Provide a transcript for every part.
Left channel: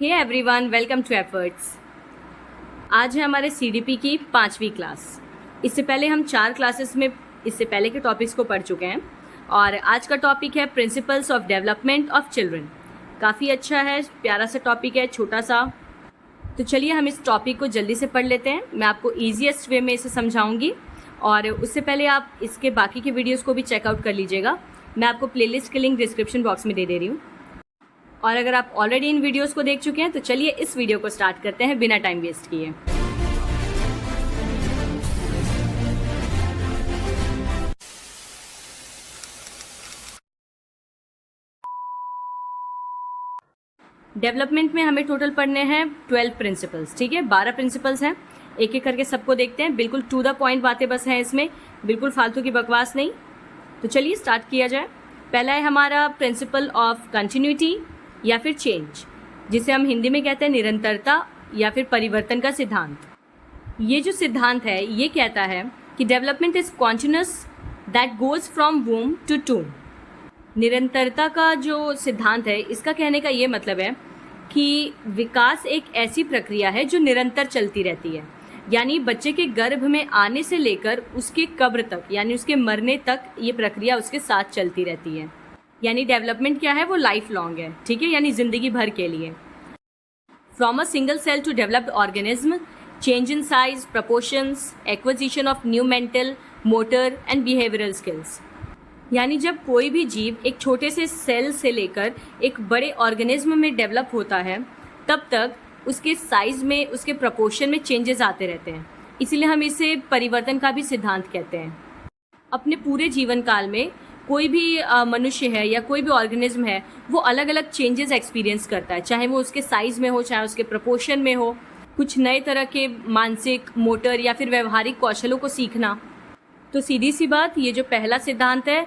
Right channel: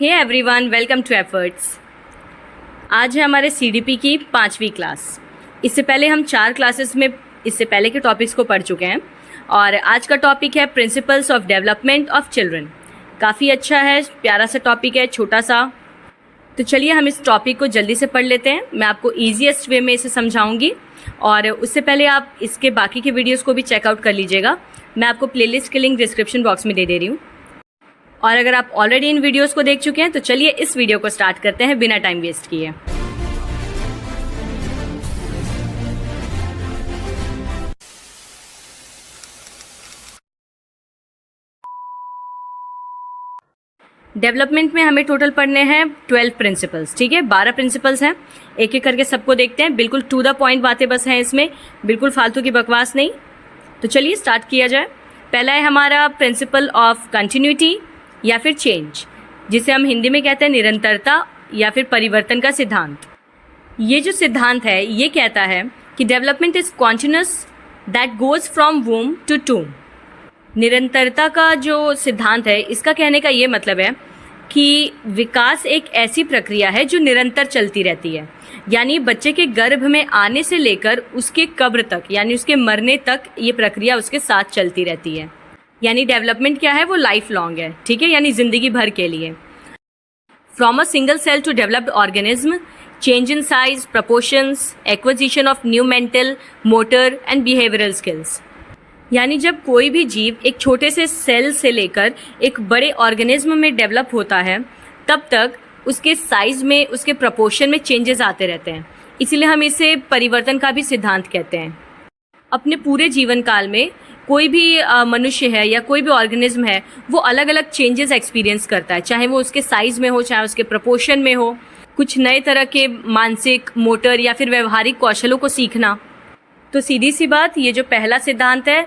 Hey everyone, welcome to efforts. आज है हमारे सीडीपी की 5वीं क्लास। इससे पहले हम 4 क्लासेस में इससे पहले के टॉपिक्स को पढ़ चुके हैं और आज का टॉपिक है principles of development of children. काफ़ी अच्छा है, प्यारा सा टॉपिक है, छोटा सा। तो चलिए हम इस टॉपिक को जल्दी से पढ़ लेते हैं। मैं आपको ईजीएस्ट वे में इसे समझाऊंगी और उससे पहले आप इसके बाकी के वीडियोज़ को भी चेकआउट कर लीजिएगा। मैं आपको प्लेलिस्ट की लिंक डिस्क्रिप्शन बॉक्स में दे रही हूँ। और अगर आप ऑलरेडी इन वीडियोस को देख चुके हैं तो चलिए इस वीडियो को स्टार्ट करते हैं बिना टाइम वेस्ट किए। डेवलपमेंट में हमें टोटल पढ़ने हैं 12 प्रिंसिपल्स। ठीक है, 12 प्रिंसिपल्स हैं। एक एक करके सबको देखते हैं। बिल्कुल टू द पॉइंट बातें बस हैं इसमें, बिल्कुल फालतू की बकवास नहीं। तो चलिए स्टार्ट किया जाए। पहला है हमारा प्रिंसिपल ऑफ कंटिन्यूटी या फिर चेंज, जिसे हम हिंदी में कहते हैं निरंतरता या फिर परिवर्तन का सिद्धांत। ये जो सिद्धांत है ये कहता है कि development is continuous that goes from womb to tomb. निरंतरता का जो सिद्धांत है इसका कहने का ये मतलब है कि विकास एक ऐसी प्रक्रिया है जो निरंतर चलती रहती है। यानी बच्चे के गर्भ में आने से लेकर उसके कब्र तक यानी उसके मरने तक ये प्रक्रिया उसके साथ चलती रहती है। यानी डेवलपमेंट क्या है, वो लाइफ लॉन्ग है। ठीक है, यानी जिंदगी भर के लिए। From a single cell to developed organism, change in size, proportions, acquisition of new mental, motor and behavioural skills. यानी जब कोई भी जीव एक छोटे से सेल से लेकर एक बड़े ऑर्गेनिज्म में डेवलप होता है तब तक उसके साइज में, उसके प्रपोर्शन में चेंजेस आते रहते हैं। इसीलिए हम इसे परिवर्तन का भी सिद्धांत कहते हैं। अपने पूरे जीवन काल में कोई भी मनुष्य है या कोई भी ऑर्गेनिज्म है वो अलग अलग चेंजेस एक्सपीरियंस करता है, चाहे वो उसके साइज में हो, चाहे उसके प्रपोर्शन में हो, कुछ नए तरह के मानसिक, मोटर या फिर व्यवहारिक कौशलों को सीखना। तो सीधी सी बात, ये जो पहला सिद्धांत है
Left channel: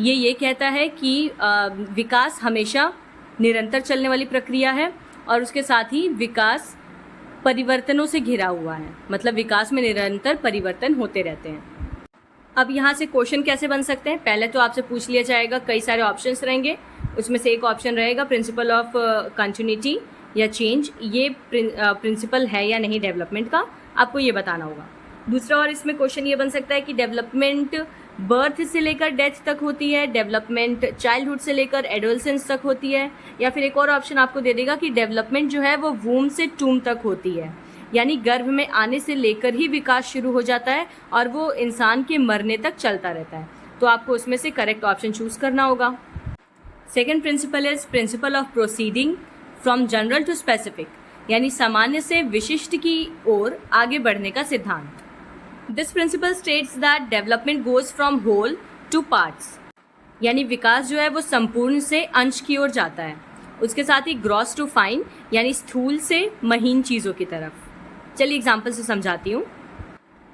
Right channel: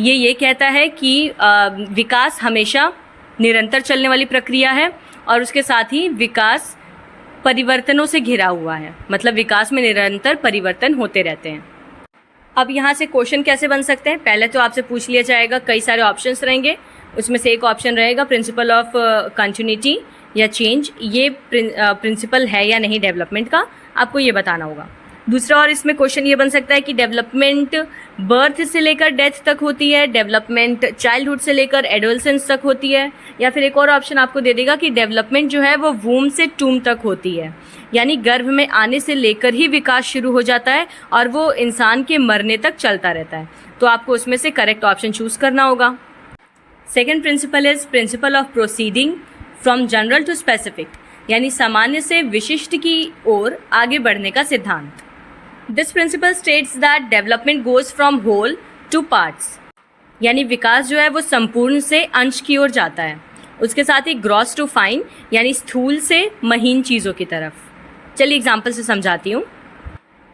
ये कहता है कि विकास हमेशा निरंतर चलने वाली प्रक्रिया है और उसके साथ ही विकास परिवर्तनों से घिरा हुआ है। मतलब विकास में निरंतर परिवर्तन होते रहते हैं। अब यहाँ से क्वेश्चन कैसे बन सकते हैं, पहले तो आपसे पूछ लिया जाएगा, कई सारे ऑप्शंस रहेंगे, उसमें से एक ऑप्शन रहेगा प्रिंसिपल ऑफ कंटिन्यूटी या चेंज। ये प्रिंसिपल है या नहीं डेवलपमेंट का, आपको ये बताना होगा। दूसरा और इसमें क्वेश्चन ये बन सकता है कि डेवलपमेंट बर्थ से लेकर डेथ तक होती है, डेवलपमेंट चाइल्डहुड से लेकर एडोलसेंस तक होती है, या फिर एक और ऑप्शन आपको दे देगा कि डेवलपमेंट जो है वो वूम से टूम तक होती है। यानी गर्भ में आने से लेकर ही विकास शुरू हो जाता है और वो इंसान के मरने तक चलता रहता है। तो आपको उसमें से करेक्ट ऑप्शन चूज करना होगा। Second principle is principle of proceeding from general to specific, यानी सामान्य से विशिष्ट की ओर आगे बढ़ने का सिद्धांत। This principle states that development goes from whole to parts, यानी विकास जो है वो संपूर्ण से अंश की ओर जाता है। उसके साथ ही ग्रॉस टू फाइन, यानी स्थूल से महीन चीज़ों की तरफ। चलिए एग्जाम्पल से समझाती हूँ।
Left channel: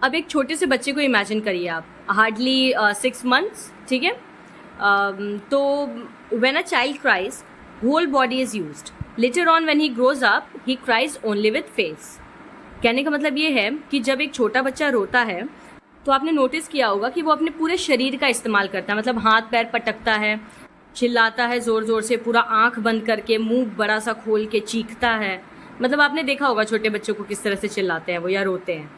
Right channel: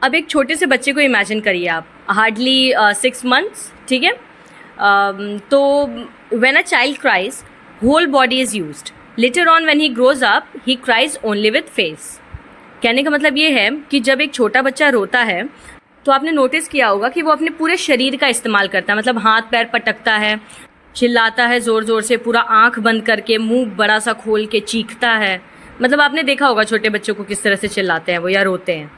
अब एक छोटे से बच्चे को इमेजिन करिए आप, हार्डली 6 months। ठीक है, तो when a child cries whole body is used, later on when he grows up he cries only with face. कहने का मतलब ये है कि जब एक छोटा बच्चा रोता है तो आपने नोटिस किया होगा कि वो अपने पूरे शरीर का इस्तेमाल करता है। मतलब हाथ पैर पटकता है, चिल्लाता है ज़ोर ज़ोर से, पूरा आंख बंद करके, मुंह बड़ा सा खोल के चीखता है। मतलब आपने देखा होगा छोटे बच्चों को किस तरह से चिल्लाते हैं वो या रोते हैं।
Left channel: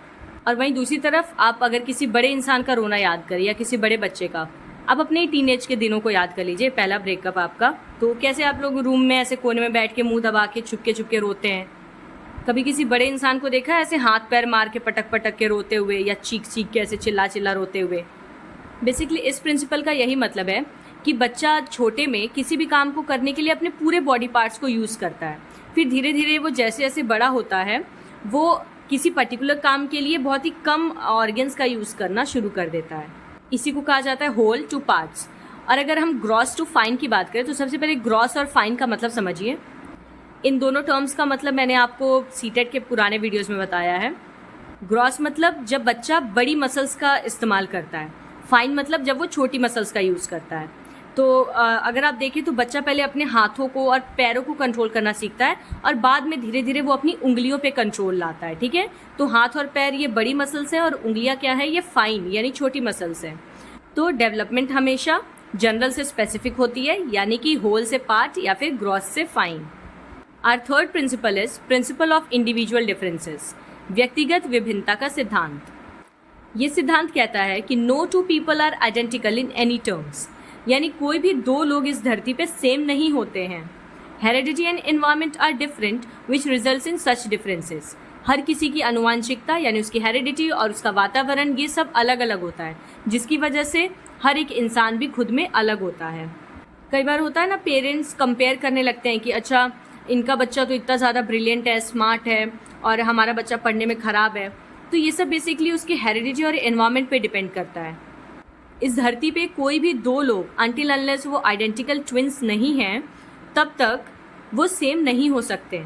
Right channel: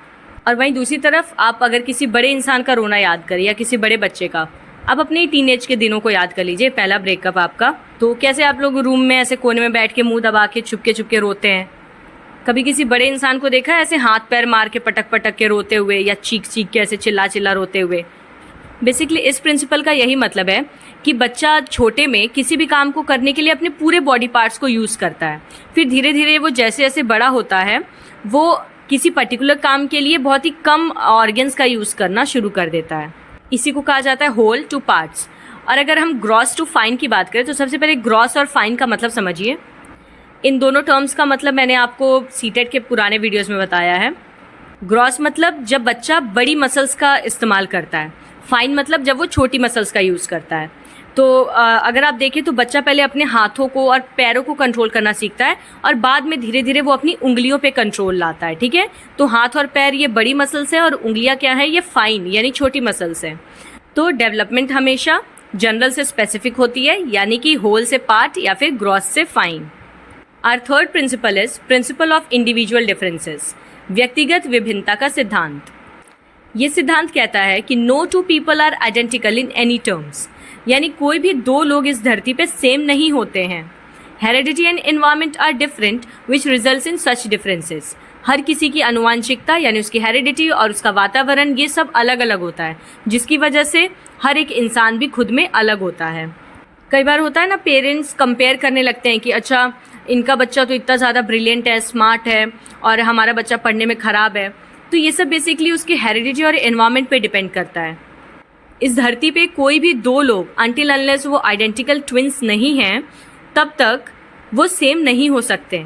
और वहीं दूसरी तरफ आप अगर किसी बड़े इंसान का रोना याद करिए या किसी बड़े बच्चे का, आप अपने टीनेज के दिनों को याद कर लीजिए, पहला ब्रेकअप आपका, तो कैसे आप लोग रूम में ऐसे कोने में बैठ के मुंह दबा के चुपके चुपके रोते हैं। कभी किसी बड़े इंसान को देखा है ऐसे हाथ पैर मार के पटक पटक के रोते हुए या चीख चीख के ऐसे चिल्ला चिल्ला रोते हुए? बेसिकली इस प्रिंसिपल का यही मतलब है कि बच्चा छोटे में किसी भी काम को करने के लिए अपने पूरे बॉडी पार्ट्स को यूज़ करता है। फिर धीरे धीरे वो जैसे जैसे बड़ा होता है वो किसी पर्टिकुलर काम के लिए बहुत ही कम ऑर्गन्स का यूज़ करना शुरू कर देता है। इसी को कहा जाता है होल टू पार्ट्स। और अगर हम ग्रॉस टू फाइन की बात करें तो सबसे पहले ग्रॉस और फाइन का मतलब समझिए। इन दोनों टर्म्स का मतलब मैंने आपको सीटेट के पुराने वीडियोस में बताया है। ग्रॉस मतलब जब बच्चा बड़ी मसल्स का इस्तेमाल करता है, फाइन मतलब जब वो छोटी मसल्स का यूज़ करता है। तो अगर आप देखें तो बच्चा पहले अपने हाथों को और पैरों को कंट्रोल करना सीखता है और बाद में धीरे धीरे वो अपनी उंगलियों पे कंट्रोल लाता है। ठीक है, तो हाथ और पैर ये बड़ी मसल्स हैं और उंगलियां क्या है, ये फाइन यानी छोटी मसल्स हैं। तो डेवलपमेंट हमेशा जनरल से स्पेसिफिक होती है, यानी कि होल से पार्ट या फिर ग्रॉस से fine. Our third principle is principle of individual differences, व्यक्तिगत विभिन्नता का सिद्धांत। ये सिद्धांत कहता है कि no two people are identical in any terms, यानी कोई भी दो लोग इस धरती पे सेम नहीं होते हैं। Heredity and environment are different which results in such differences. हर किसी की अनुवांशिकता यानी उसकी हेरिडिटी और उसका वातावरण ये सब अलग अलग होता है, जिसकी वजह से हर एक इंसान भी खुद में अलग होता है। कई बार होता है ना, पेरेंट्स कंपेयर करने लगते हैं कि अच्छा इनका बच्चा तो इतना ज़्यादा ब्रिलियंट है, स्मार्ट है, और हमारा बच्चा पढ़ने में ख़राब है। तो ये सब बेसिकली उसके हेरिडिटी और एनवायरनमेंट पे डिपेंड करता है। इस धरती पे कोई भी दो लोग अनटिल अनलेस वो आइडेंटिकल ट्विंस नहीं हैं तब तक वो सेम नहीं हो सकते।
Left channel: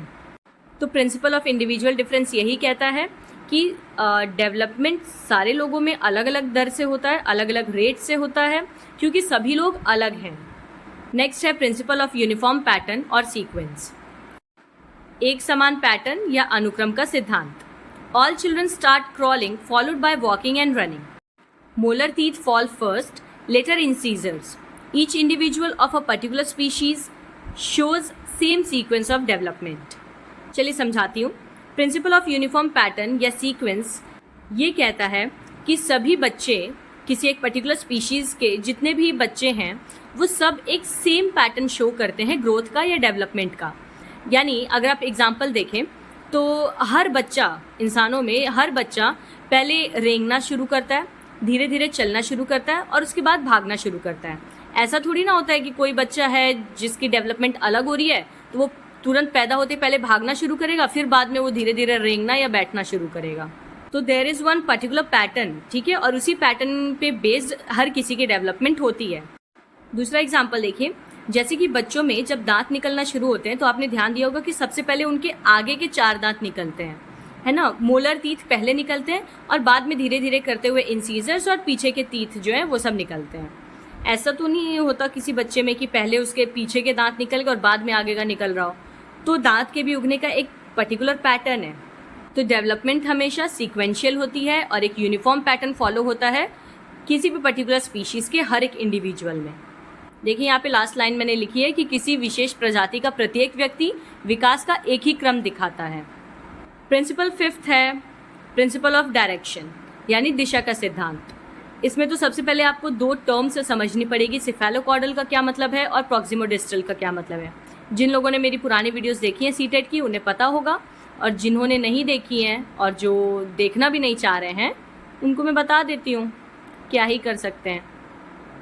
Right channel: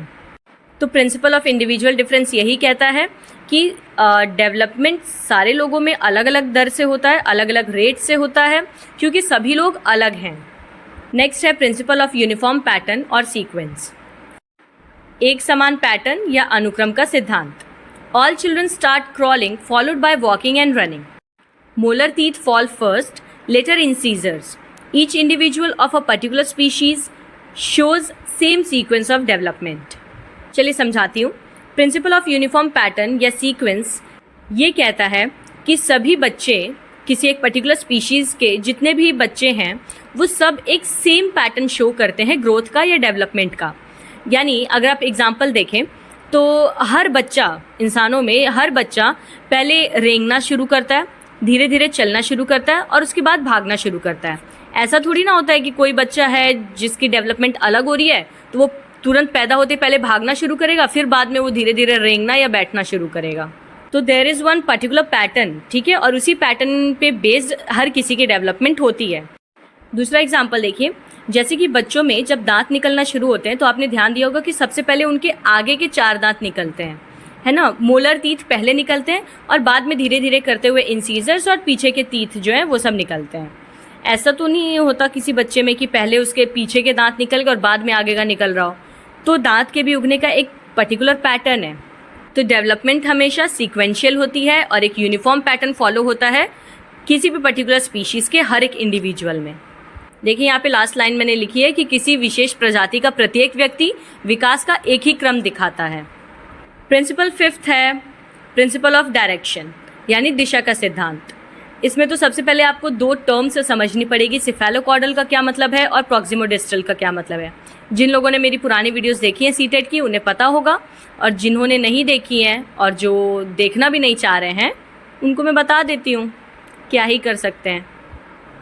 तो प्रिंसिपल ऑफ इंडिविजुअल डिफरेंस यही कहता है कि डेवलपमेंट सारे लोगों में अलग अलग दर से होता है, अलग अलग रेट से होता है, क्योंकि सभी लोग अलग हैं। नेक्स्ट है प्रिंसिपल ऑफ यूनिफॉर्म पैटर्न और सीक्वेंस, एक समान पैटर्न या अनुक्रम का सिद्धांत। All children start crawling followed by walking and running. Molar teeth fall first, later incisors. Each individual of a particular species shows same sequence of development. चलिए समझाती हूँ। प्रिंसिपल ऑफ यूनिफॉर्म पैटर्न या sequence ये कहता है कि सभी बच्चे किसी एक पर्टिकुलर स्पीशीज़ के जितने भी बच्चे हैं वो सब एक सेम पैटर्न शो करते हैं ग्रोथ का या डेवलपमेंट का। यानी अगर आप एग्जाम्पल देखें तो हर बच्चा, इंसानों में हर बच्चा पहले रेंगना शुरू करता है, धीरे धीरे चलना शुरू करता है और उसके बाद भागना शुरू करता है। ऐसा थोड़ी ना होता है कि कोई बच्चा है जिसकी डेवलपमेंट अलग हो रही है तो वो तुरंत पैदा होते पहले भागना शुरू करेगा, फिर बाद में वो धीरे धीरे रेंगना या बैठना शुरू करेगा। तो there is one particular pattern, ठीक है, और उसी पैटर्न पे बेस्ड हर किसी की डेवलपमेंट होती है। दूसरा एग्जाम्पल देखिए, जैसे कि बच्चों में जब दांत निकलना शुरू होते हैं तो आपने ध्यान दिया होगा कि सबसे पहले उनके आगे के 4 दांत निकलते हैं, है ना। मोलर टीथ पहले निकलते हैं और बाद में धीरे धीरे करते हुए इंसीजर्स और पीछे के टीथ जो है वो सब निकलते हैं। ऐसा तो नहीं होता किसी बच्चे में कि पहले उसके पीछे के दांत निकल गए और बाद में आगे का निकल रहा हो। तो दांत के भी उगने का एक पर्टिकुलर पैटर्न है। तो डेवलपमेंट हमेशा सीक्वेंशियल होती है और एक यूनिफॉर्म पैटर्न फॉलो होता है किसी भी पर्टिकुलर स्पीशीज़ के हर एक इंडिविजुअल में। देखिए यहाँ पे लास्ट लाइन मैंने लिखी है कि किसी विशेष प्रजाति का प्रत्येक व्यक्ति विकास का एक ही क्रम दिखाता है। प्रिंसिपल फिफ्थ है प्रिंसिपल ऑफ डायरेक्शन यानी दिशा का सिद्धांत। इसमें तो सबसे पहले आपको 2 टर्म्स समझनी पड़ेगी, सिफेलोकॉर्डल का क्या मतलब है और प्रॉक्सिमोडिस्टल का क्या मतलब है। जिन लोगों ने मेरी पुरानी वीडियोस देखी हैं सीटेट की उन्हें पता होगा, और जिन्होंने नहीं देखी हैं और जो देखना भी नहीं चाह रहे हैं उनको मैं बता देती हूँ, क्या ही कर सकते हैं।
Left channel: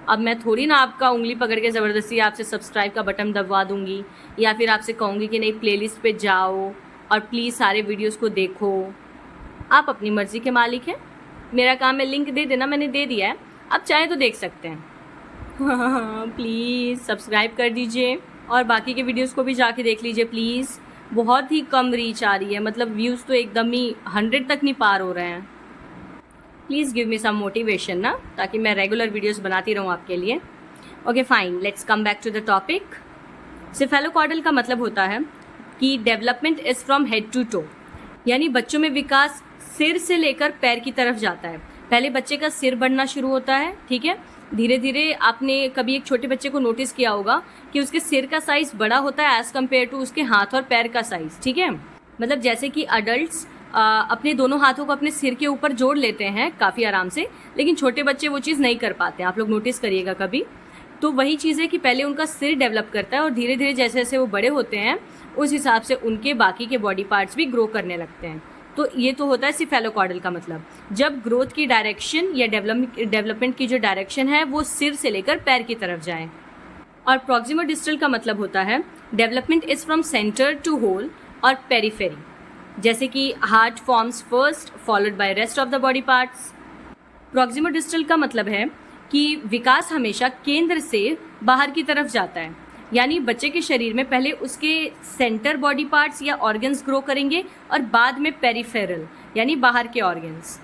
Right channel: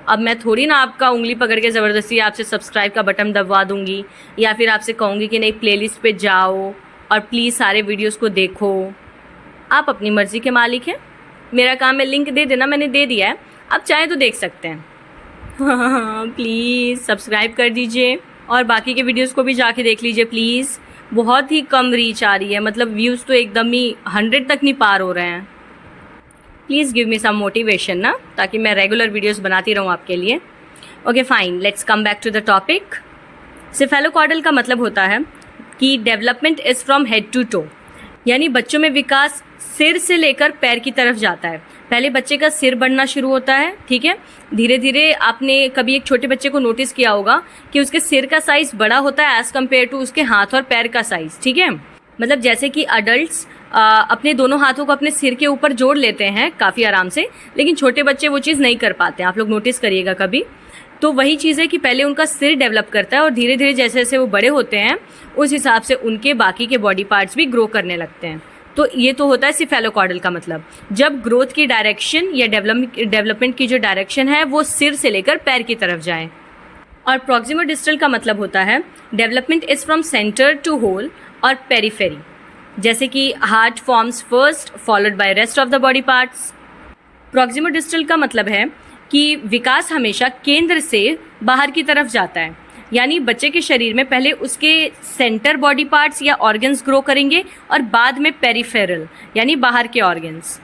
अब मैं थोड़ी ना आपका उंगली पकड़ के ज़बरदस्ती आपसे सब्सक्राइब का बटन दबवा दूँगी या फिर आपसे कहूँगी कि नहीं प्लेलिस्ट पे जाओ और प्लीज़ सारे वीडियोस को देखो। आप अपनी मर्ज़ी के मालिक हैं। मेरा काम है लिंक दे देना, मैंने दे दिया है, आप चाहें तो देख सकते हैं। हाँ प्लीज़ सब्सक्राइब कर दीजिए और बाकी के वीडियोस को भी जाके देख लीजिए प्लीज़। बहुत ही कम रीच आ रही है, मतलब व्यूज़ तो एकदम ही 100 तक नहीं पार हो रहे हैं। Please give me some motivation ना, ताकि मैं रेगुलर वीडियोस बनाती रहूँ आपके लिए। Okay fine, let's come back to the topic. Cephalocaudal का मतलब होता है कि development is from head to toe, यानी बच्चों में विकास सिर से लेकर पैर की तरफ जाता है। पहले बच्चे का सिर बढ़ना शुरू होता है, ठीक है, धीरे धीरे आपने कभी एक छोटे बच्चे को नोटिस किया होगा कि उसके सिर का साइज़ बड़ा होता है एज़ कम्पेयर टू उसके हाथ और पैर का साइज़, ठीक है। मतलब जैसे कि अडल्ट्स अपने दोनों हाथों को अपने सिर के ऊपर जोड़ लेते हैं काफ़ी आराम से, लेकिन छोटे बच्चे वो चीज़ नहीं कर पाते, आप लोग नोटिस करिएगा कभी। तो वही चीज़ है कि पहले उनका सिर डेवलप करता है और धीरे धीरे जैसे जैसे वो बड़े होते हैं उस हिसाब से उनके बाकी के बॉडी पार्ट्स भी ग्रो करने लगते हैं। तो ये तो होता है सिफेलोकॉर्डल का मतलब, जब ग्रोथ की डायरेक्शन या डेवलपमेंट की जो डायरेक्शन है वो सिर से लेकर पैर की तरफ जाए। और प्रॉक्सिमोडिस्टल का मतलब होता है development is from centre to whole और पेरिफेरी, जैसे कि heart forms first followed by rest of the body parts. Proximodistal का मतलब है कि विकास हमेशा केंद्र से बाहर की तरफ जाता है, यानी बच्चे के शरीर में पहले उसके सेंटर बॉडी पार्ट्स या ऑर्गन्स ग्रो करेंगे और बाद में पेरिफेरल यानी बाहर के ऑर्गन्स।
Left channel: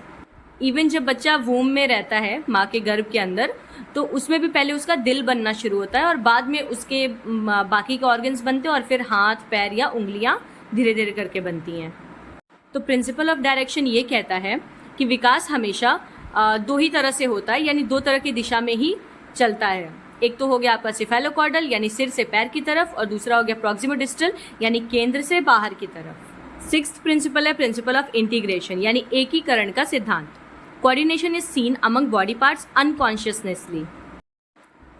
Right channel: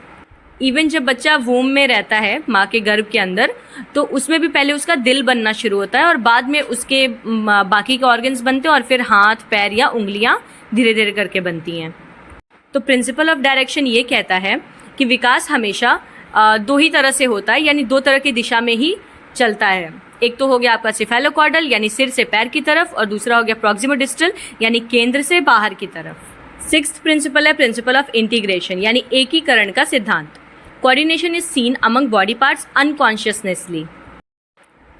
इवन जब बच्चा वूम में रहता है माँ के गर्भ के अंदर, तो उसमें भी पहले उसका दिल बनना शुरू होता है और बाद में उसके बाकी के ऑर्गन्स बनते हैं और फिर हाथ पैर या उंगलियाँ धीरे धीरे करके बनती हैं। तो प्रिंसिपल ऑफ डायरेक्शन ये कहता है कि विकास हमेशा 2 ही तरह से होता है, यानी 2 तरह की दिशा में ही चलता है। एक तो हो गया आपका सिफेलोकॉर्डल यानी सिर से पैर की तरफ, और दूसरा हो गया प्रॉक्सिमोडिस्टल यानी केंद्र से बाहर की तरफ। सिक्स्थ प्रिंसिपल है प्रिंसिपल ऑफ इंटीग्रेशन यानी एकीकरण का सिद्धांत। Coordination is seen among body parts unconsciously.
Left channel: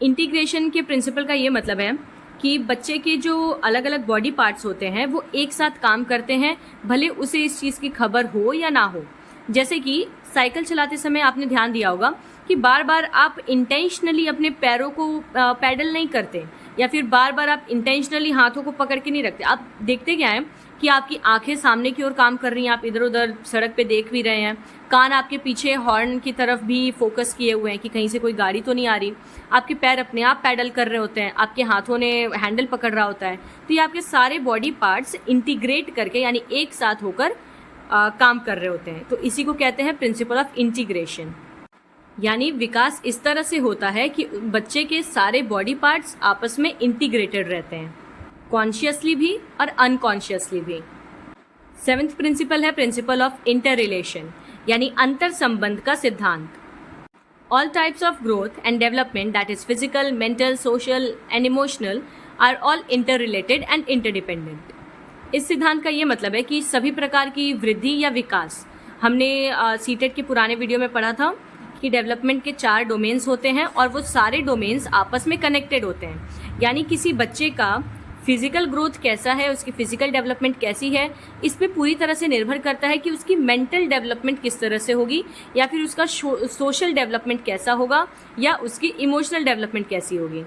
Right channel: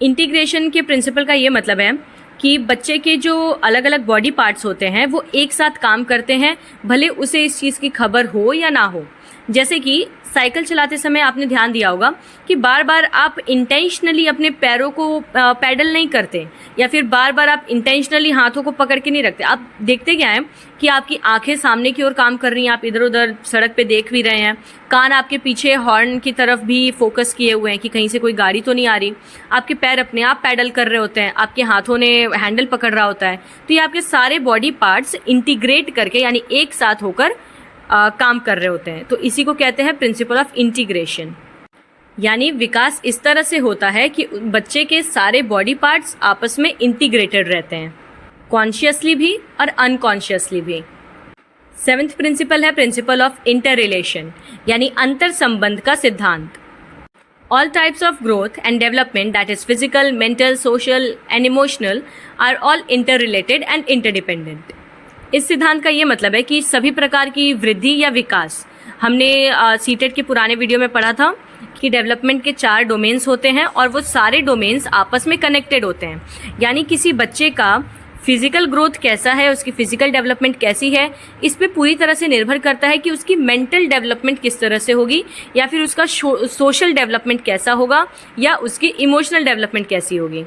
Integration के प्रिंसिपल का ये मतलब है कि बच्चे के जो अलग अलग बॉडी पार्ट्स होते हैं वो एक साथ काम करते हैं, भले उसे इस चीज़ की खबर हो या ना हो। जैसे कि साइकिल चलाते समय आपने ध्यान दिया होगा कि बार बार आप इंटेंशनली अपने पैरों को पैडल नहीं करते, या फिर बार बार आप इंटेंशनली हाथों को पकड़ के नहीं रखते। आप देखते क्या है कि आपकी आंखें सामने की ओर काम कर रही हैं, आप इधर उधर सड़क पे देख भी रहे हैं, कान आपके पीछे हॉर्न की तरफ भी फोकस किए हुए हैं कि कहीं से कोई गाड़ी तो नहीं आ रही, आपके पैर अपने आप पैडल कर रहे होते हैं, आपके हाथों ने हैंडल पकड़ रहा होता है। तो ये आपके सारे बॉडी पार्ट्स इंटीग्रेट करके यानी एक साथ होकर काम कर रहे होते हैं। तो इसी को कहते हैं प्रिंसिपल ऑफ इंटीग्रेशन। यानी विकास इस तरह से होता है कि बच्चे के सारे बॉडी पार्ट्स आपस में इंटीग्रेटेड रहते हैं, कॉन्शियसली भी और अनकॉन्शियसली भी। सेवेंथ प्रिंसिपल है प्रिंसिपल ऑफ इंटर रिलेशन यानी अंतर संबंध का सिद्धांत। All types of growth and development that is physical, mental, social and emotional are all interrelated and interdependent. इस सिद्धांत का ये मतलब है कि सभी प्रकार की वृद्धि या विकास, हमने सीटेट के पुराने वीडियो में पढ़ा था कि डेवलपमेंट के 4 डोमेन्स होते हैं और वो सारे डोमेन्स आपस में कनेक्टेड होते हैं। यानी किसी बच्चे का फिजिकल ग्रोथ कैसा है, उसकी फिजिकल डेवलपमेंट कैसी है, इस पे पूरी तरह से निर्भर करता है कि उसकी मेंटल डेवलपमेंट किस तरह से होगी, या फिर उसका सोशल डेवलपमेंट कैसा होगा, या उसकी इमोशनल डेवलपमेंट कैसी होगी।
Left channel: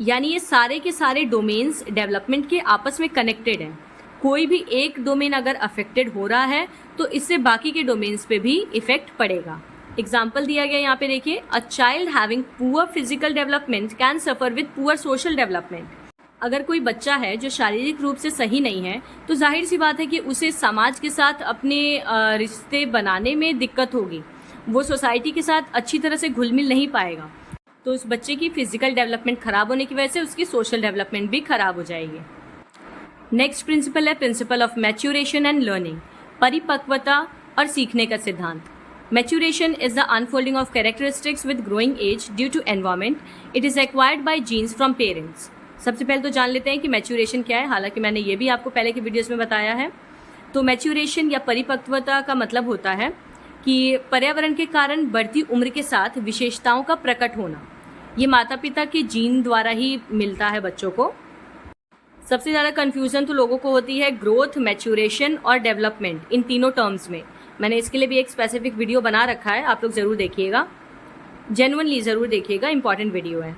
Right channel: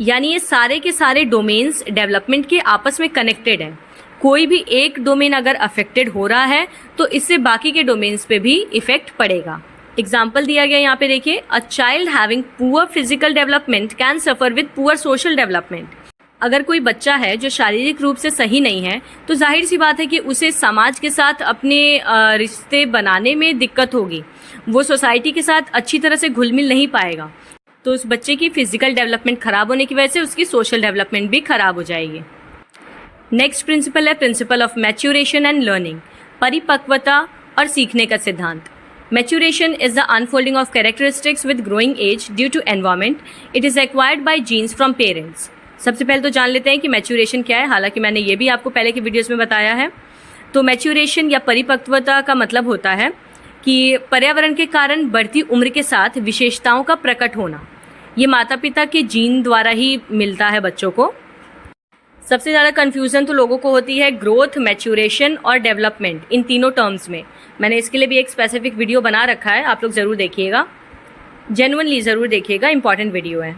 यानी ये सारे के सारे डोमेन्स डेवलपमेंट के आपस में कनेक्टेड हैं। कोई भी एक डोमेन अगर अफेक्टेड हो रहा है तो इससे बाकी के डोमेन्स पे भी इफेक्ट पड़ेगा। एग्जाम्पल दिया गया यहाँ पे देखिए, a child having poor physical development can suffer with poor social development. अगर कोई बच्चा है जो शारीरिक रूप से सही नहीं है तो जाहिर सी बात है कि उसे समाज के साथ अपने रिश्ते बनाने में दिक्कत होगी, वो सोसाइटी के साथ अच्छी तरह से घुल मिल नहीं पाएगा। तो उस बच्चे की फिजिकल डेवलपमेंट खराब होने की वजह से उसकी सोशल डेवलपमेंट भी खराब हो जाएगी। नेक्स्ट प्रिंसिपल है principle of maturation and learning, परिपक्वता और सीखने का सिद्धांत। Maturation is the unfolding of characteristics with growing age due to environment. It is acquired by genes from parents. सबसे पहले तो जान लेते हैं कि मैच्योरेशन क्या है, हालांकि मैंने ये भी आपको पहले के वीडियोस में बताया है। तो मैच्योरेशन या परिपक्वता का मतलब होता है कि पर्यावरण के कारण बढ़ती उम्र के साथ विशेषताओं का प्रकट होना। ये माता पिता के जीन द्वारा ही मिलता है बच्चों को। सबसे ज़्यादा कन्फ्यूज़न तो लोगों को होती है ग्रोथ, मैच्योरेशन और डेवलपमेंट, इन तीनों टर्म्स में। मैंने इसके लिए भी एक स्पेसिफिक वीडियो बना रखा है, आप लोग ज़रूर देखिएगा, जेन्युइनली ज़रूर देखिएगा, इंपॉर्टेंट वीडियो है।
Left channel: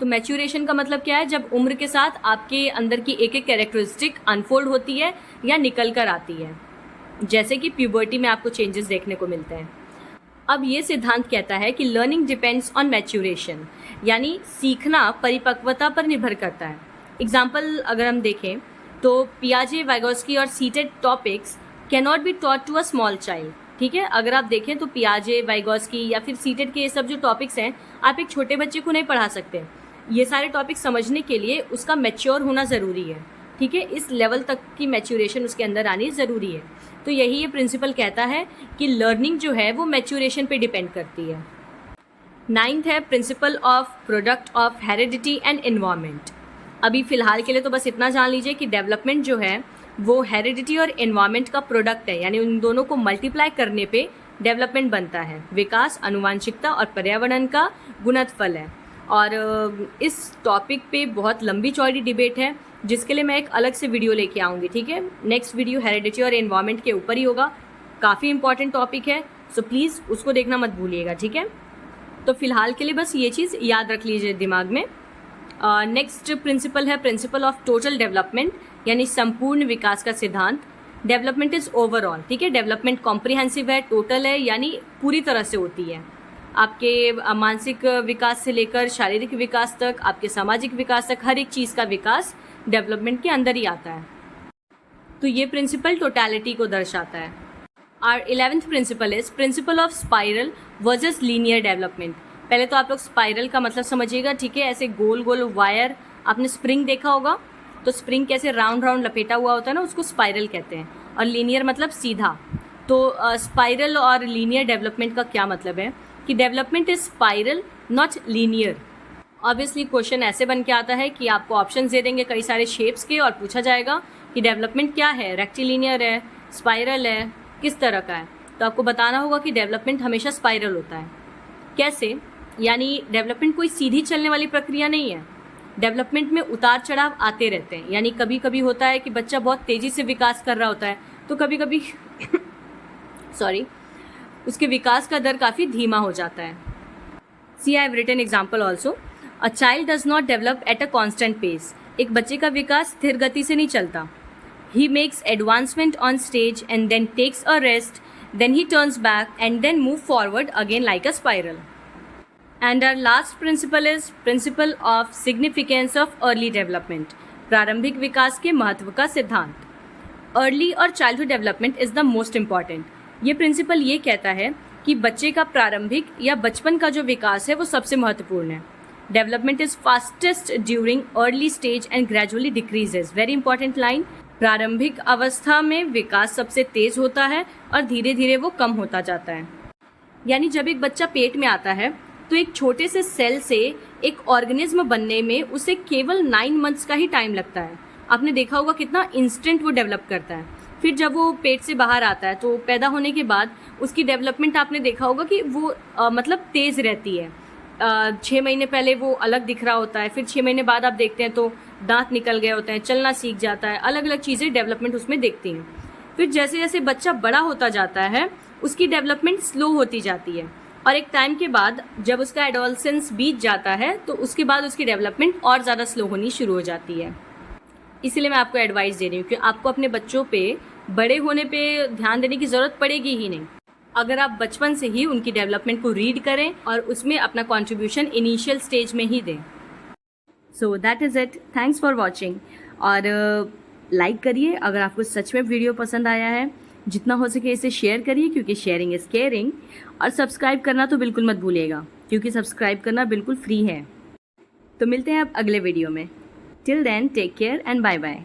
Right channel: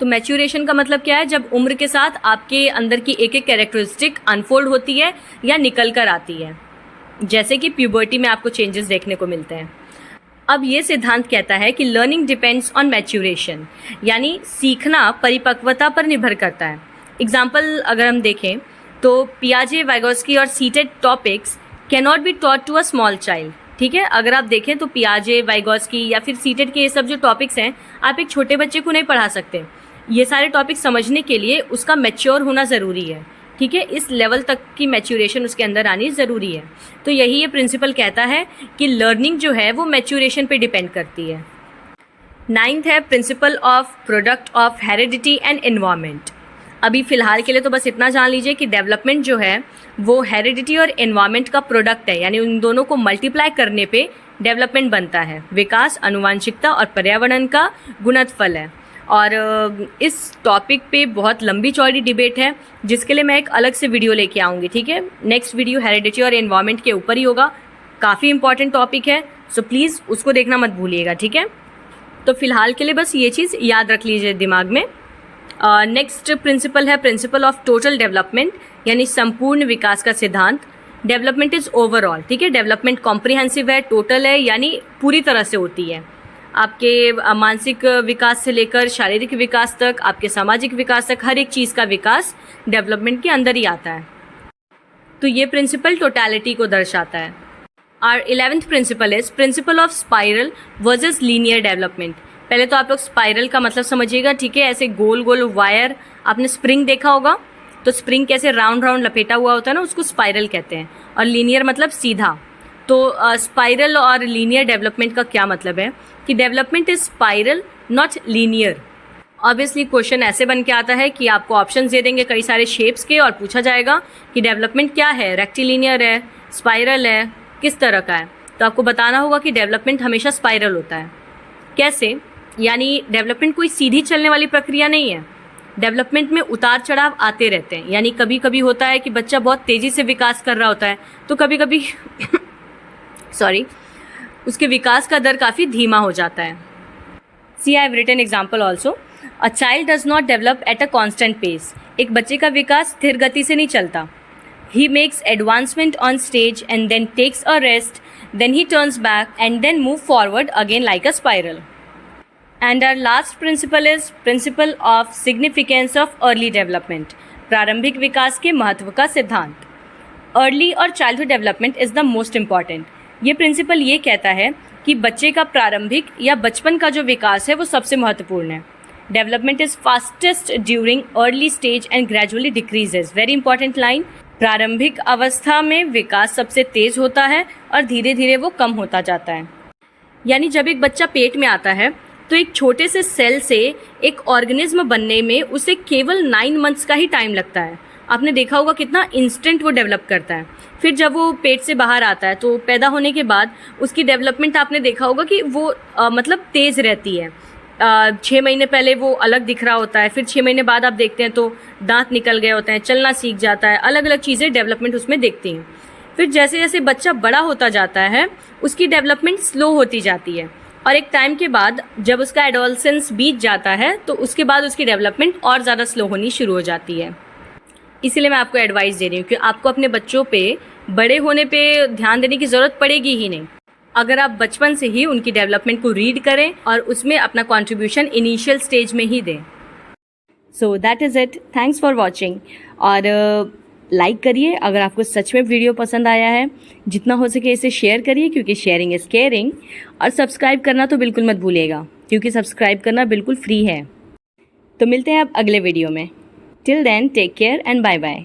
तो मैच्योरेशन का मतलब क्या है, जब उम्र के साथ आपके अंदर की एक एक कैरेक्टरिस्टिक अनफोल्ड होती है या निकल कर आती है, जैसे कि प्यूबर्टी में आपको चेंजेस देखने को मिलते हैं। अब ये सिद्धांत कहता है कि लर्निंग डिपेंड्स ऑन मैच्योरेशन, यानी सीखना परिपक्वता पर निर्भर करता है। एग्जाम्पल अगर हम देखें तो पियाजे, वाइगोस्की और seated topics can not be taught to a small child. ठीक है, अगर आप देखें तो पियाजे, वाइगोस्की या फिर सीटेड के ये सब जो टॉपिक्स हैं, आप एक छोटे बच्चे को नहीं पढ़ा सकते। ये सारे टॉपिक्स समझने के लिए उसका मैच्योर होना ज़रूरी है। ठीक है, इस लेवल तक की मैच्योरेशन उसके अंदर आनी ज़रूरी है। तो यही ये प्रिंसिपल कहता है कि लर्निंग जो है वो मैच्योरेशन पे डिपेंड करती है। 9th है principle of product of heredity and environment. अभी फ़िलहाल के लिए तो बस इतना जान लीजिए कि डेवलपमेंट जो है वो हेरिडिटी और एनवायरनमेंट का प्रोडक्ट है, यानी उन दोनों को मल्टीप्लाई करने पे डेवलपमेंट बनता है। विकास आनुवांशिकता और पर्यावरण का गुणनफल है। और इस टॉपिक पे बहुत लंबी चौड़ी डिबेट है, जिसके लिए मैं एक अलग से वीडियो लेके आऊँगी। ठीक है, नेक्स्ट वीडियो हेरिडिटी और एनवायरनमेंट के ऊपर ही होगा, काफ़ी इंपॉर्टेंट टॉपिक है, सो प्लीज़ उसको देखना मत भूलिएगा। ठीक है, तो फिलहाल के लिए बस ये चीज़ याद रख लीजिए दिमाग में। नेक्स्ट प्रिंसिपल है प्रिंसिपल ऑफ टोटल डेवलपमेंट, यानी संपूर्ण विकास का सिद्धांत। Development is overall. ठीक है, डेवलपमेंट कॉम्प्रिहेंसिव है, टोटल है, यानी पूरी तरह से होती है। आपके मानसिक विकास से लेकर शारीरिक विकास तक, आपके सामाजिक विकास तक, हर एक चीज़ का विकास डेवलपमेंट के अंदर ही आता है। तो ये प्रिंसिपल टोटलिटी को दर्शाता है। और 11th principle is principle of spiral versus linear development. पहले तो आप लोग स्पाइरल का मतलब समझिएगा। ठीक है, ऐसे गोल गोल वायर, आपने स्प्रिंग देखा होगा, तो स्प्रिंग कैसे राउंड राउंड लपेटा हुआ होता है ना, उसको स्पाइरल कहते हैं। और लीनियर मतलब सीधा। तो स्पाइरल और लीनियर डेवलपमेंट का क्या मतलब है कि development is spiral not linear, obviously question ऐसे बन के आता है कि आपको ऑप्शंस दे देंगे कई सारे शेप्स के और पूछा जाएगा कि डेवलपमेंट क्या है, रेक्टिलिनियर है, स्पाइरल है, किस तरह का है। तो आपको बताना होगा कि डेवलपमेंट हमेशा स्पाइरल होता है। कैसे? यानी डेवलपमेंट कोई सीधी चलने वाली प्रक्रिया नहीं है। डेवलपमेंट में उतार चढ़ाव आते रहते हैं। यानी कभी कभी होता है कि बच्चा बहुत तेज़ी से विकास कर रहा होता है, तो कभी कभी सॉरी उसके विकास का दर काफ़ी धीमा हो जाता है। See I have written example also. A child does not develop at a constant pace. एक बच्चे का विकास स्थिर गति से नहीं चलता। He makes advancement on stage and then takes a rest, then he turns back and then move forward again like a spiral. And our last principle is principle of significance of early development. प्रारंभिक विकास के महत्व का सिद्धांत। Early और childhood development is the most important. ये principal ये कहता है कि बच्चे का प्रारंभिक या बचपन का जो विकास है वो सबसे महत्वपूर्ण है। Development is fastest during early stage and gradually decreases. Very important line. प्रारंभिक अवस्था में विकास सबसे तेज होता है और धीरे धीरे वो कम होता जाता है। यानी जब एक बच्चा पेट में आता है तो एक छोटे से सेल से एक ऑर्गेनिज्म बनने में उसे केवल 9 मंथ्स का ही टाइम लगता है। आपने देखा होगा कितना इंस्टेंट वो डेवलप करता है। फिर जब वो पेट से बाहर आता है तो पैदा होने के बाद उसकी डेवलपमेंट आपने देखा होगा कि वो मतलब तेज़ रहती है। 6 महीने पहले वो अलग दिख रहा होता है, फिर 6 महीने बाद आप देखते हैं तो दांत निकल गए होते हैं, चलना सीख जाता है, अलग अलग चीज़ें डेवलपमेंट उसमें देखती हैं। फिर जैसे जैसे बच्चा बड़ा होता जाता है उसकी डेवलपमेंट स्लो होती जाती है और एक टाइम के बाद जब उसका एडोलसेंस बीत जाता है तो उसके बाद उसकी डेवलपमेंट और ज़्यादा स्लो होनी शुरू हो जाती है। इसीलिए मैं आपको एडवाइस दे रही हूँ कि आपको अपने बच्चों पे बड़े होने पे ध्यान देने की ज़रूरत पड़ेगी ही नहीं, अगर आप बचपन से ही उनकी डेवलपमेंट को रीड करें और उसमें अपना कंट्रीब्यूशन इनिशियल स्टेज में ही दें। So that is it. Thanks for watching. और लाइक करिए अगर आपको सच में वीडियो पसंद आया है। जितना हो सके इसे शेयर करिए क्योंकि शेयरिंग इज़ केयरिंग। और सब्सक्राइब करना तो बिल्कुल मत भूलिएगा क्योंकि सब्सक्राइब करना बिल्कुल फ्री है। तो मिलते हैं अब अगले वीडियो में। Till then take care and bye bye.